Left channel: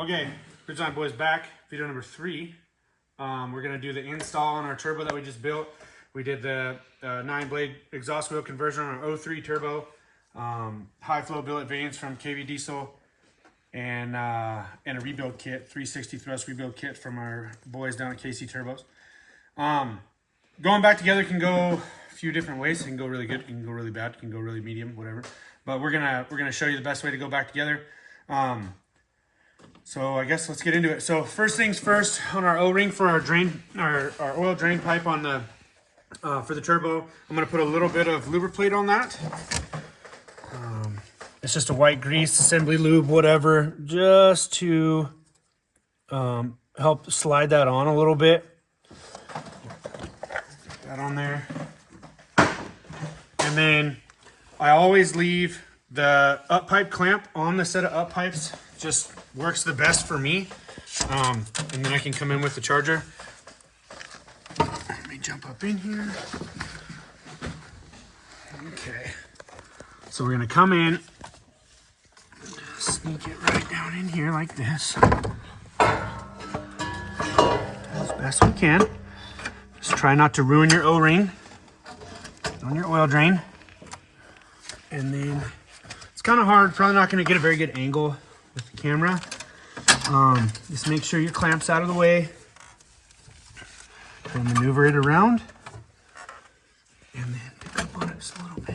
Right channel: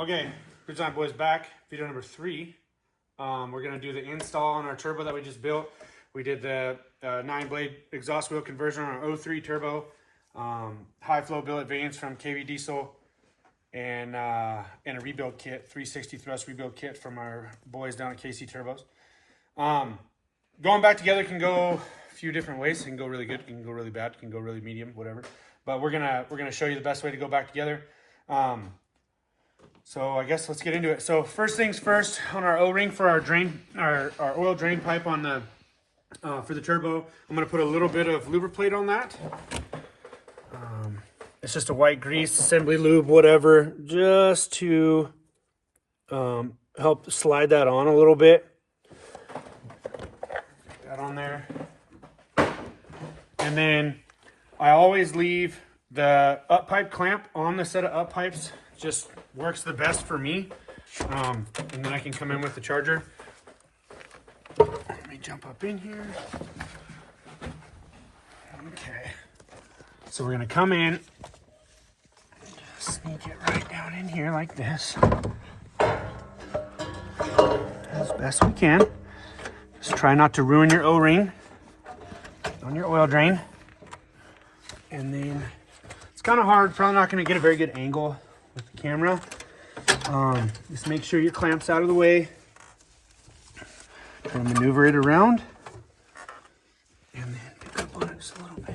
Okay, Bridgeline Boys back, video number 3. We're going to do the install on our turbo that we just built. We did the 9-blade exhaust wheel conversion on our 03 turbo, high flow billet vanes from KV Diesel, and a rebuild kit, 360 thrust rebuild kit from our boys down at KC Turbos. Going back together can go a few different ways. It can go really good, it can go really bad, it can go really medium, whatever. But we're gonna show you the best way to go back together. So I guess let's get into it. So first things first, on our O-ring for our drain, our oil drain pipe on the for the turbo, I'm gonna put a little bit of lubricate on that. It's just a white grease, assembly lube, whatever, just to help slide that on a little bit. Put that on there. And then I always leave the up pipe clamp on the set of up pipes. Just works the best for me. And then I can come in with the charger. Let me jump up in here. Okay. So we're gonna come in, sneak it right down in here like this. As best we can. Just try not to ruin your O-ring on your oil drain. And then it's kind of hard, probably not gonna get a very good angle with the camera. Just make sure your clamp's out of the way and maneuver it around. And then pick up on it just a little bit.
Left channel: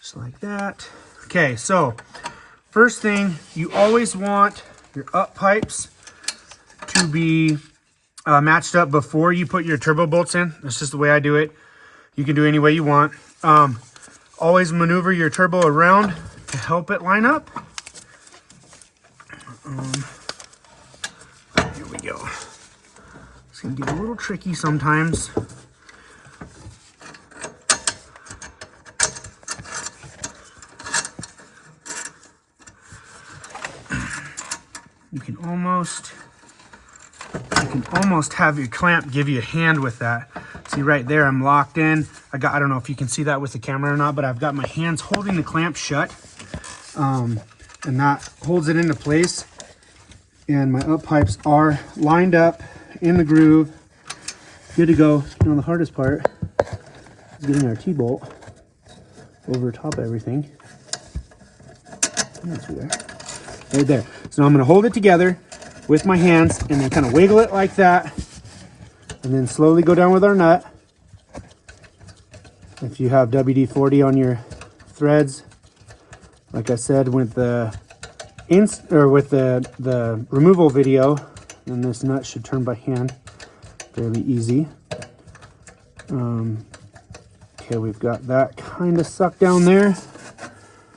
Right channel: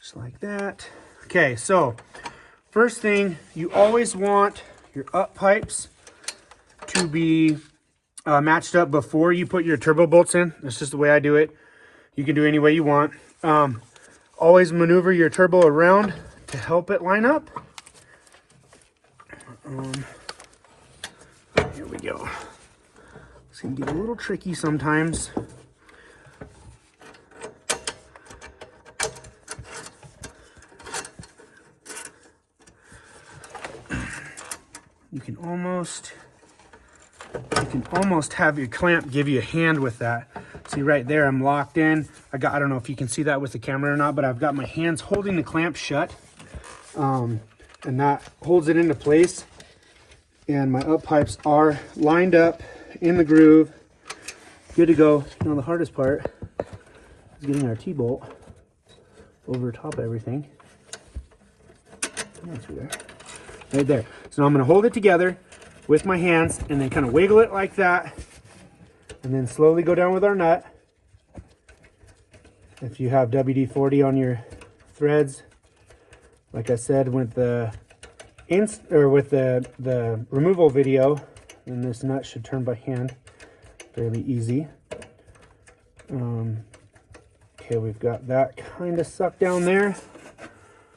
Just like that. Okay, so first thing, you always want your up pipes to be matched up before you put your turbo bolts in. That's just the way I do it. You can do it any way you want. Always maneuver your turbo around to help it line up. Here we go. It's gonna get a little tricky sometimes. You can almost have your clamp give you a hand with that. See right there, I'm locked in. I don't know if you can see that with the camera or not, but I've got my hands holding the clamp shut. And that holds it into place. And my up pipes are lined up in the groove, good to go. You know, the hardest part is getting our T-bolt over top of everything. Right there. So I'm going to hold it together with my hands and then kind of wiggle it like that, and then slowly go down with our nut. If you have WD-40 on your threads, like I said with the removal video, then this nut should turn by hand fairly easy. Okay, we've got that kind of sucked down there.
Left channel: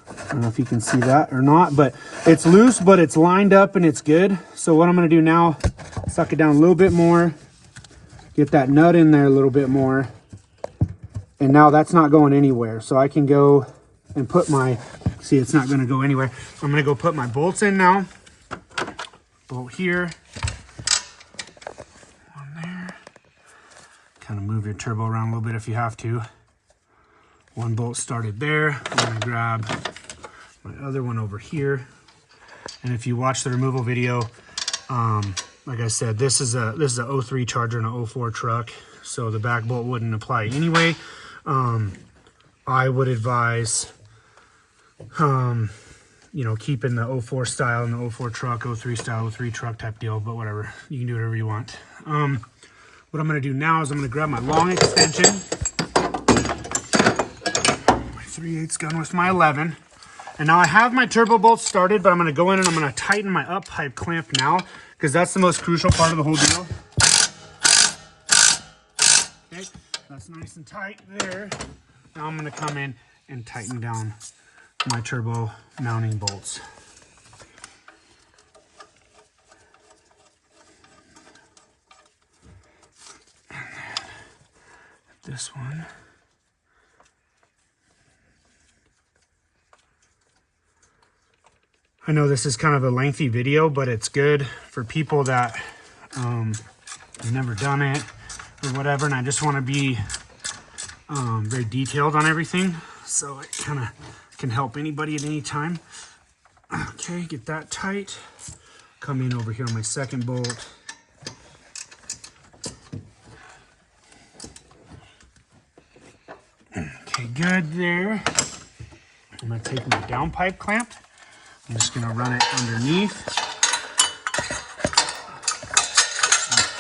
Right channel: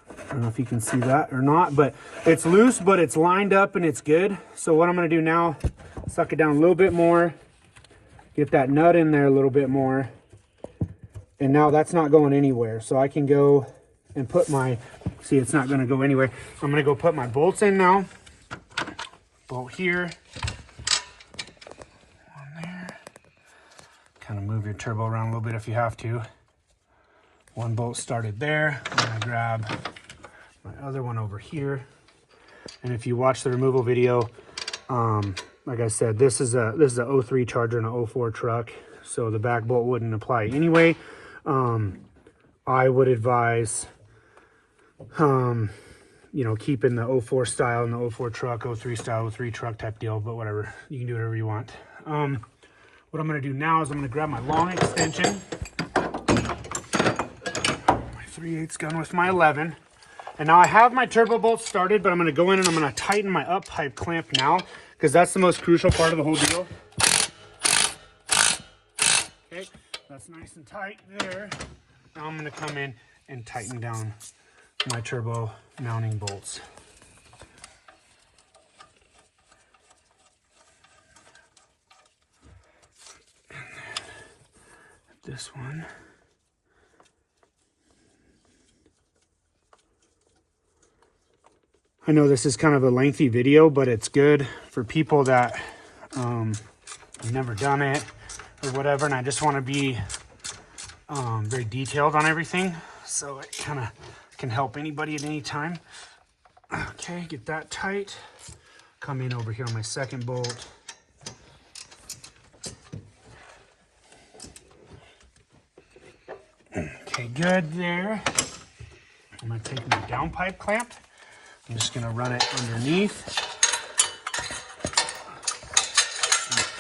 I don't know if you can see that or not, but it's loose, but it's lined up and it's good. So what I'm going to do now, suck it down a little bit more, get that nut in there a little bit more, and now that's not going anywhere. So I can go and put my, see, it's not going to go anywhere. I'm going to go put my bolts in now. Bolt here, one there. Kind of move your turbo around a little bit if you have to. One bolt started there. I'm going to grab my other one over here. And if you watch the removal video, like I said, this is a 03 Charger and a 04 truck, so the back bolt wouldn't apply anyway. I would advise you know, keeping the 04 style in the 04 truck, 03 style, 03 truck type deal, but whatever, you can do whatever you want. What I'm going to do now is I'm going to grab my long extension, my 3/8 gun with my 11. And now I have my turbo bolts started, but I'm going to go in and I'm going to tighten my up pipe clamp now, because that's the most crucial part of the whole deal. Okay, that's nice and tight there. Now I'm going to come in and tighten down my turbo mounting bolts. This one. I know this is kind of a lengthy video, but it's good for people that have never done it or whatever, and I just want to be very detailed on everything, so it kind of can help anybody at any time. Okay, get that tight. Come in over here on my second bolt. Okay, good there. I'm going to take my downpipe clamp. I'm just going to run it underneath.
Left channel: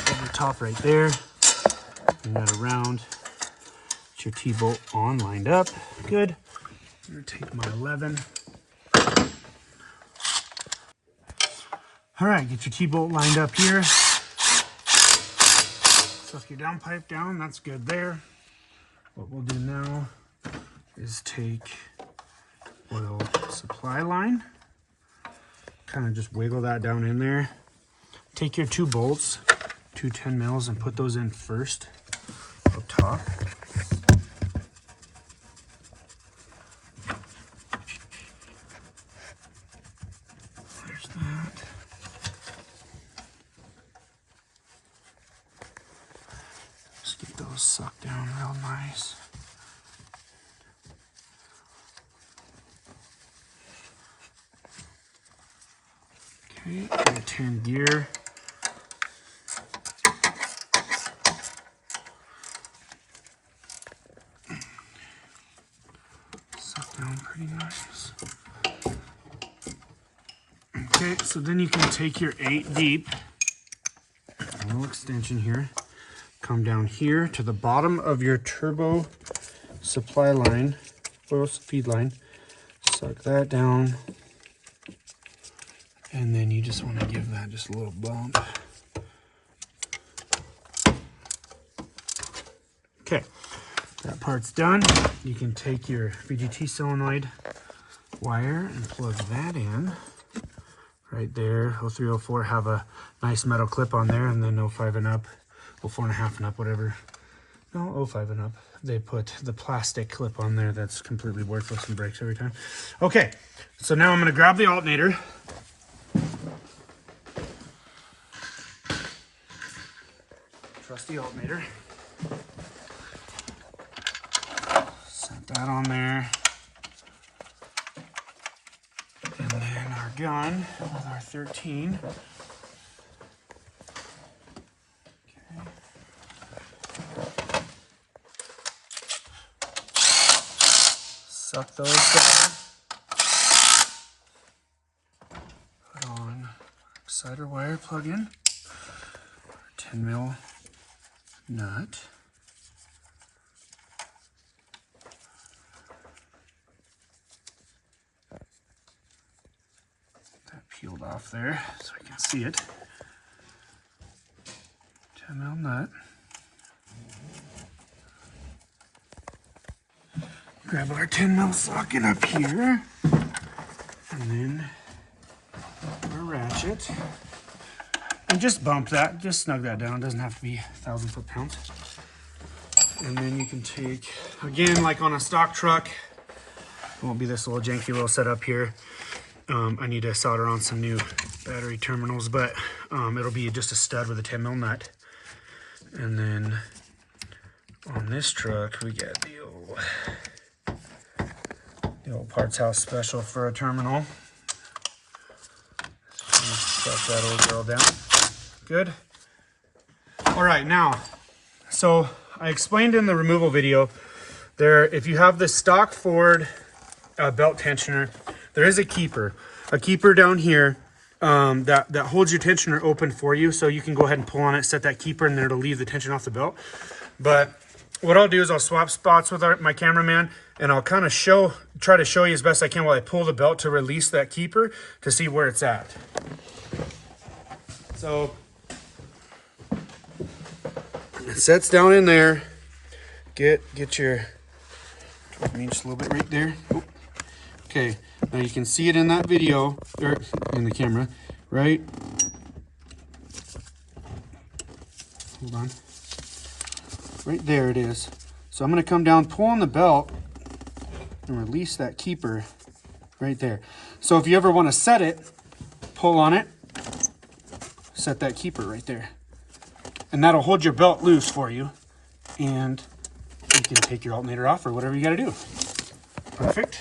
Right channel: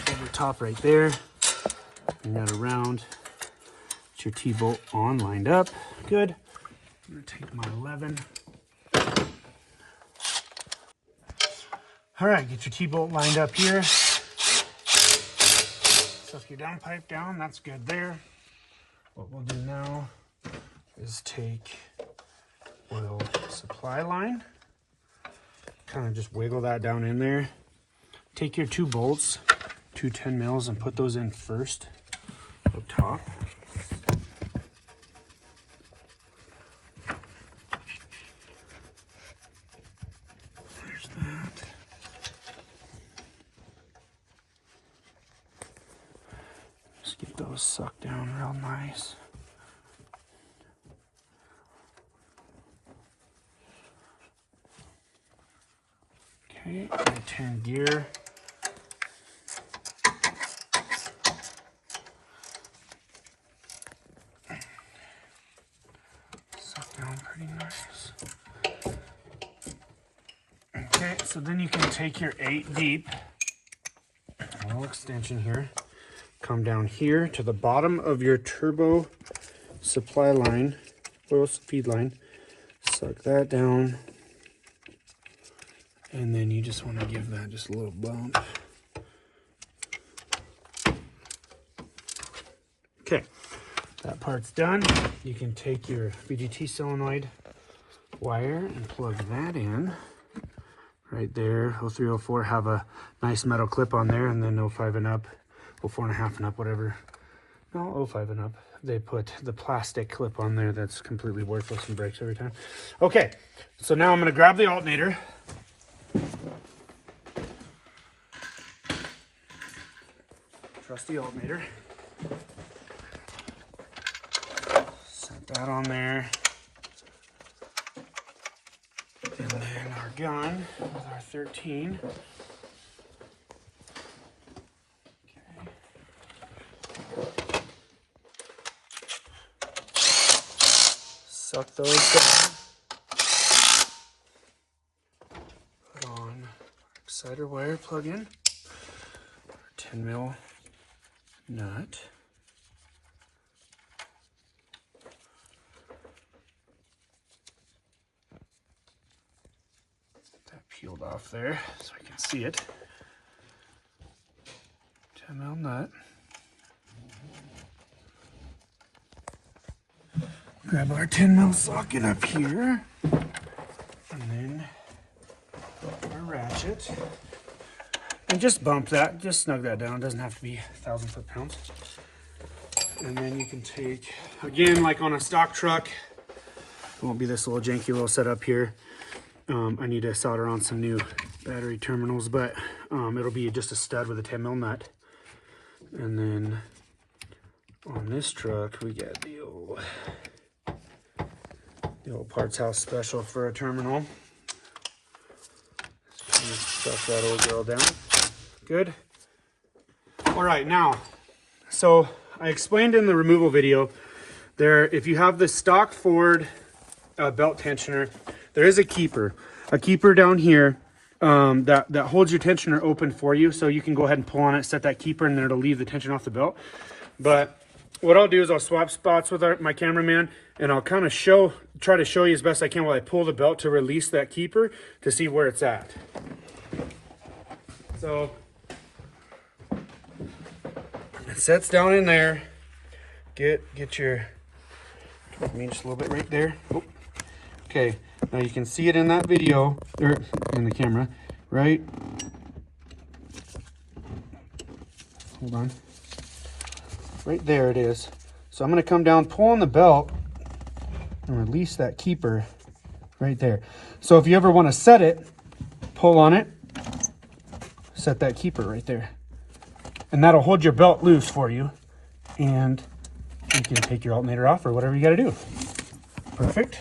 Over the top right there. And that around. Get your T-bolt on, lined up. Good. I'm going to take my 11. All right, get your T-bolt lined up here. Suck your downpipe down. That's good there. What we'll do now is take oil supply line, kind of just wiggle that down in there. Take your 2 bolts, 2 10 mils, and put those in first up top. There's that. Just get those sucked down real nice. Okay, got a 10 gear. Suck down pretty nice. Okay, so then you can take your 8 deep, a little extension here, come down here to the bottom of your turbo supply line, oil feed line, suck that down. And then you just want to give that just a little bump. Okay, that part's done. You can take your VGT solenoid wire and plug that in. Right there, 03, 04, have a nice metal clip on there, and then 05 and up, 04 and a half and up, whatever. No, 05 and up. They put the plastic clip on there that's completely worthless and breaks every time. Okay, so now I'm going to grab the alternator. Trusty alternator. Set that on there. And then our gun with our 13. Okay. Suck those down. Put on exciter wire plug in. 10 mil nut. That peeled off there so we can see it. 10 mil nut. Grab our 10 mil socket up here, and then our ratchet. And just bump that, just snug that down. It doesn't have to be 1,000 foot-pounds. And then you can take, again, like on a stock truck, it won't be this little janky little setup here. I need to solder on some new battery terminals, but it'll be just a stud with a 10 mil nut. And then on this truck, we got the old Parts House special for a terminal. Stuff that old girl down. Good. All right, now, so I explained in the removal video there, if you have the stock Ford belt tensioner, there is a keeper down here that holds your tensioner open for you, so you can go ahead and pull on it, set that keeper, and then it'll leave the tension off the belt. But what I'll do is I'll swap spots with my cameraman, and I'll kind of try to show you as best I can while I pull the belt to release that keeper to see where it's at. So it sets down in there. Get your, toward me just a little bit right there. Oh. Okay, now you can see it in that video, or in the camera, right? Hold on. Right there it is. So I'm going to come down, pull on the belt, and release that keeper right there. So if you ever want to set it, pull on it, set that keeper right there. And that'll hold your belt loose for you. And you can take your alternator off or whatever you got to do. Perfect.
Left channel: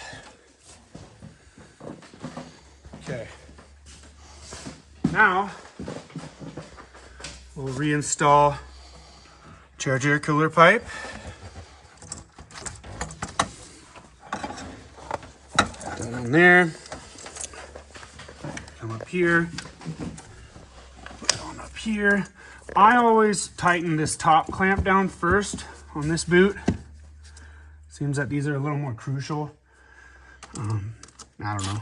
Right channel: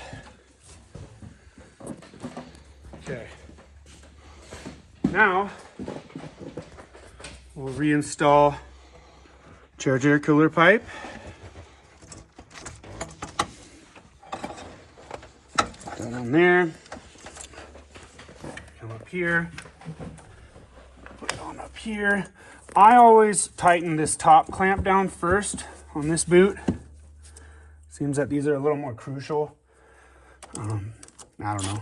Okay. Now, we'll reinstall charge air cooler pipe. That on there. Come up here. Going up here. I always tighten this top clamp down first on this boot. Seems that these are a little more crucial. I don't know.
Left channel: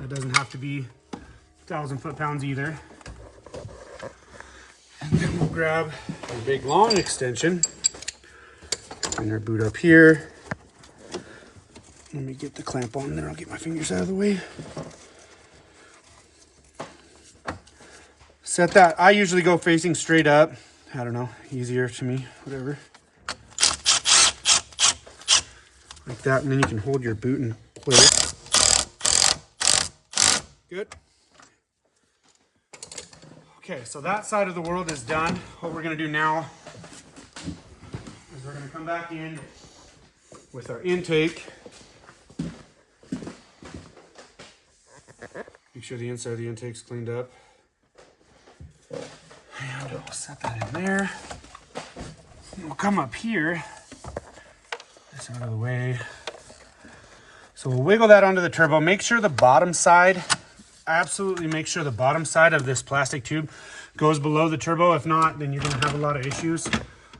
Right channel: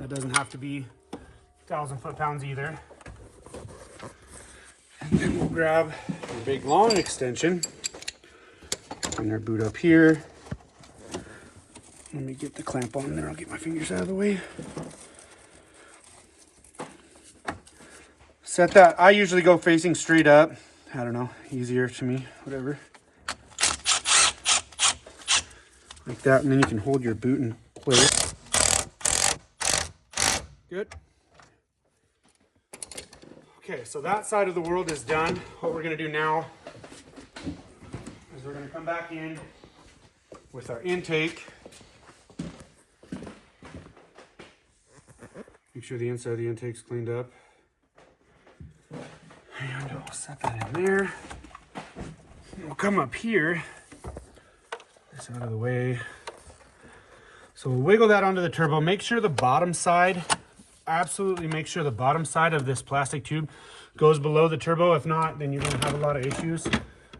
It doesn't have to be 1,000 foot-pounds either. And then we'll grab our big long extension. Bring our boot up here. Let me get the clamp on there. I'll get my fingers out of the way. Set that. I usually go facing straight up. I don't know. Easier to me. Whatever. Like that. And then you can hold your boot in place. Good. Okay, so that side of the world is done. What we're going to do now is we're going to come back in with our intake. Make sure the inside of the intake's cleaned up. And we'll set that in there. We'll come up here, this out of the way. So we'll wiggle that onto the turbo. Make sure the bottom side, absolutely make sure the bottom side of this plastic tube goes below the turbo. If not, then you're gonna have a lot of issues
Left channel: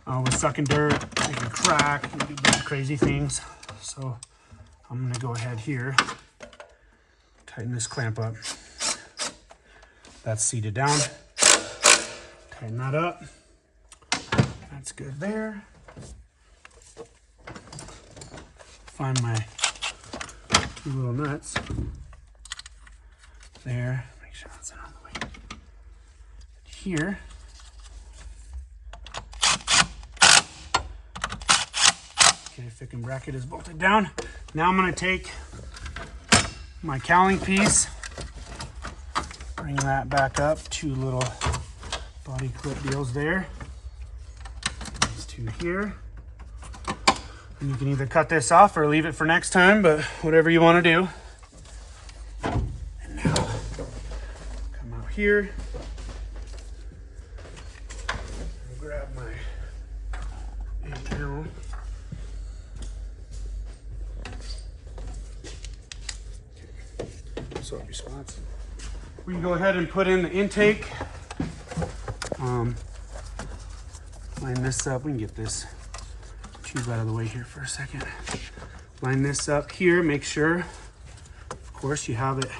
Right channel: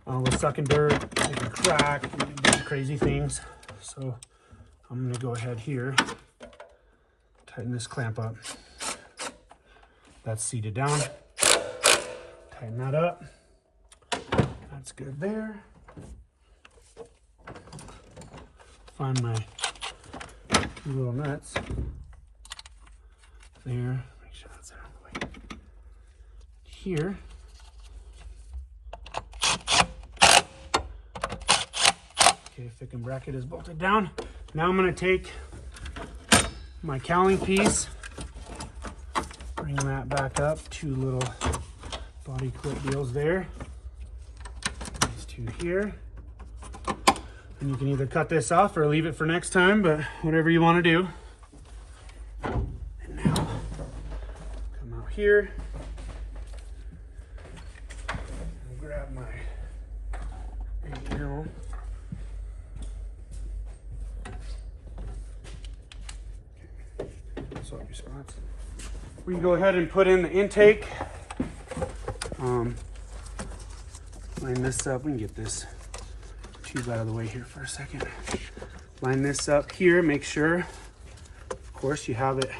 with sucking dirt. You can crack, you can do a bunch of crazy things. So I'm gonna go ahead here, tighten this clamp up. That's seated down. Tighten that up. That's good there. Find my two little nuts. There. Make sure that's out of the way. Here. Okay, thick and bracket is bolted down. Now I'm going to take my cowling piece, bring that back up, two little body clip deals there. These two here. And you can either cut this off or leave it for next time, but whatever you want to do. And now, come out here. And grab my 8mm. Swap your spots. We can go ahead and put in the intake. Line this up. We can get this tube out of the way here for a second. Line this up here. Make sure, of course, you have it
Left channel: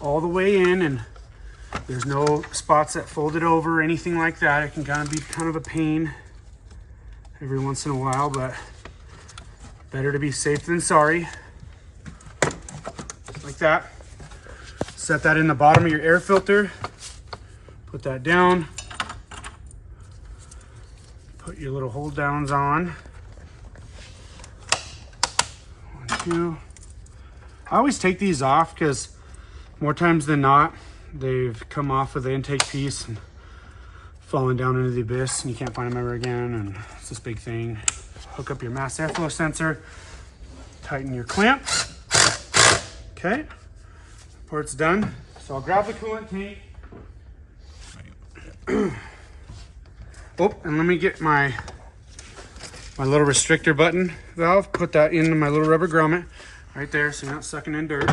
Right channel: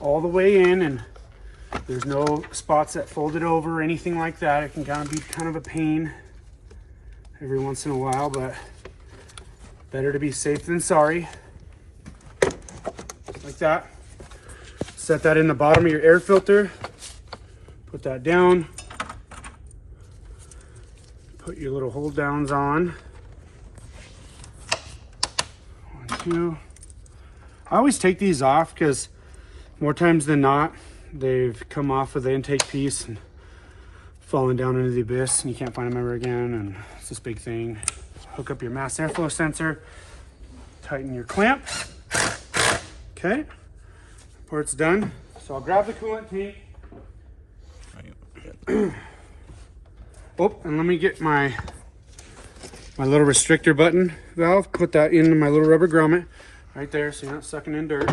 all the way in and there's no spots that fold it over or anything like that. It can kind of be kind of a pain every once in a while, but better to be safe than sorry. Just like that. Set that in the bottom of your air filter. Put that down. Put your little hold downs on. 1, 2. I always take these off because more times than not, they've come off of the intake piece and fallen down into the abyss and you can't find them ever again, and it's this big thing. Hook up your mass airflow sensor, tighten your clamp. Okay, before it's done. So I'll grab the coolant tank. Oh, and let me get my little restrictor button valve, put that into my little rubber grommet right there so you're not sucking in dirt.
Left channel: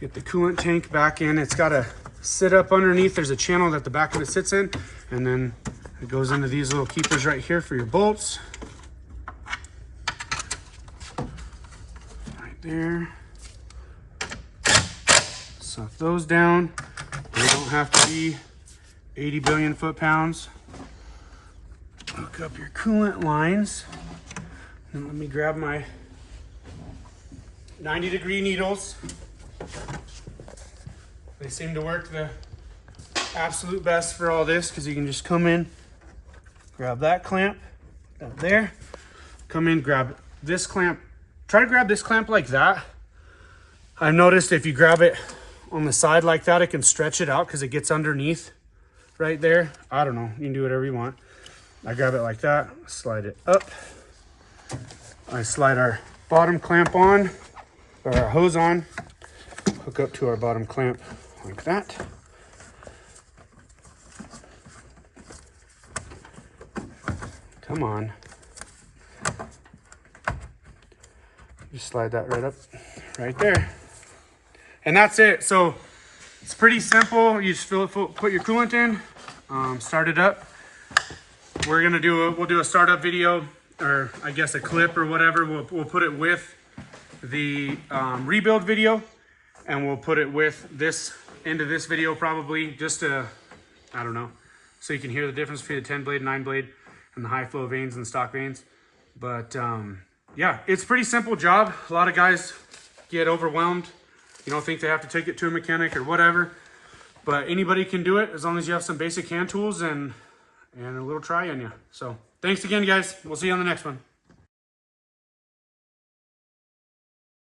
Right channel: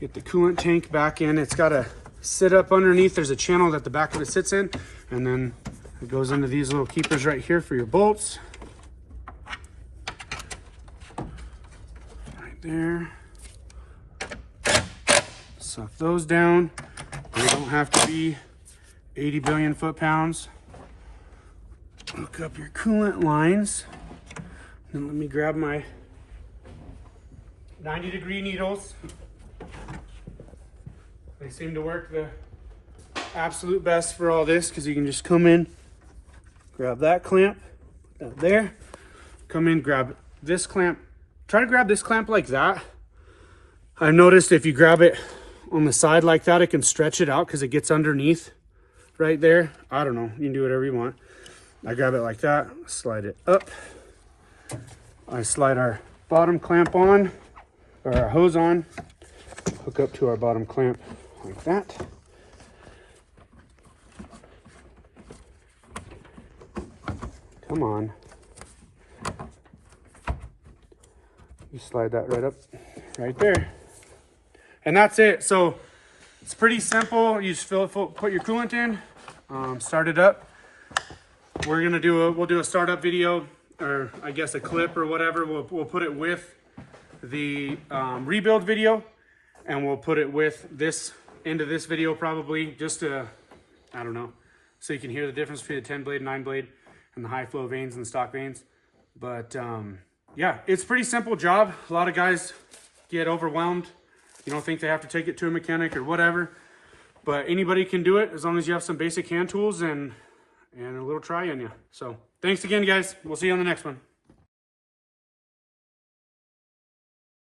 Get the coolant tank back in. It's got to sit up underneath. There's a channel that the back of it sits in, and then it goes into these little keepers right here for your bolts. Right there. Suck those down. They don't have to be 80 billion foot-pounds. Hook up your coolant lines. And let me grab my 90-degree needles. They seem to work the absolute best for all this because you can just come in, grab that clamp, put that there, come in, grab this clamp. Try to grab this clamp like that. I've noticed if you grab it on the side like that, it can stretch it out because it gets underneath right there. I don't know, you can do whatever you want. I grab it like that, slide it up. I slide our bottom clamp on. Put our hose on, hook up to our bottom clamp like that. Come on. Just slide that right up, right there. And that's it. So it's pretty simple. You just put your coolant in, start it up. We'll do a startup video, or I guess a clip or whatever. We'll put it with the rebuild video, and we'll put it with this into this video probably, just to, I don't know, so you can hear the difference between the 10 blade, 9 blade, and the high flow vanes and the stock vanes. But yeah, it's a pretty simple job. A lot of guys get overwhelmed. You don't think they have to take it to a mechanic or whatever, but anybody can do it as long as you have some basic hand tools and a little try in you. So thanks again, guys. We'll see you on the next one.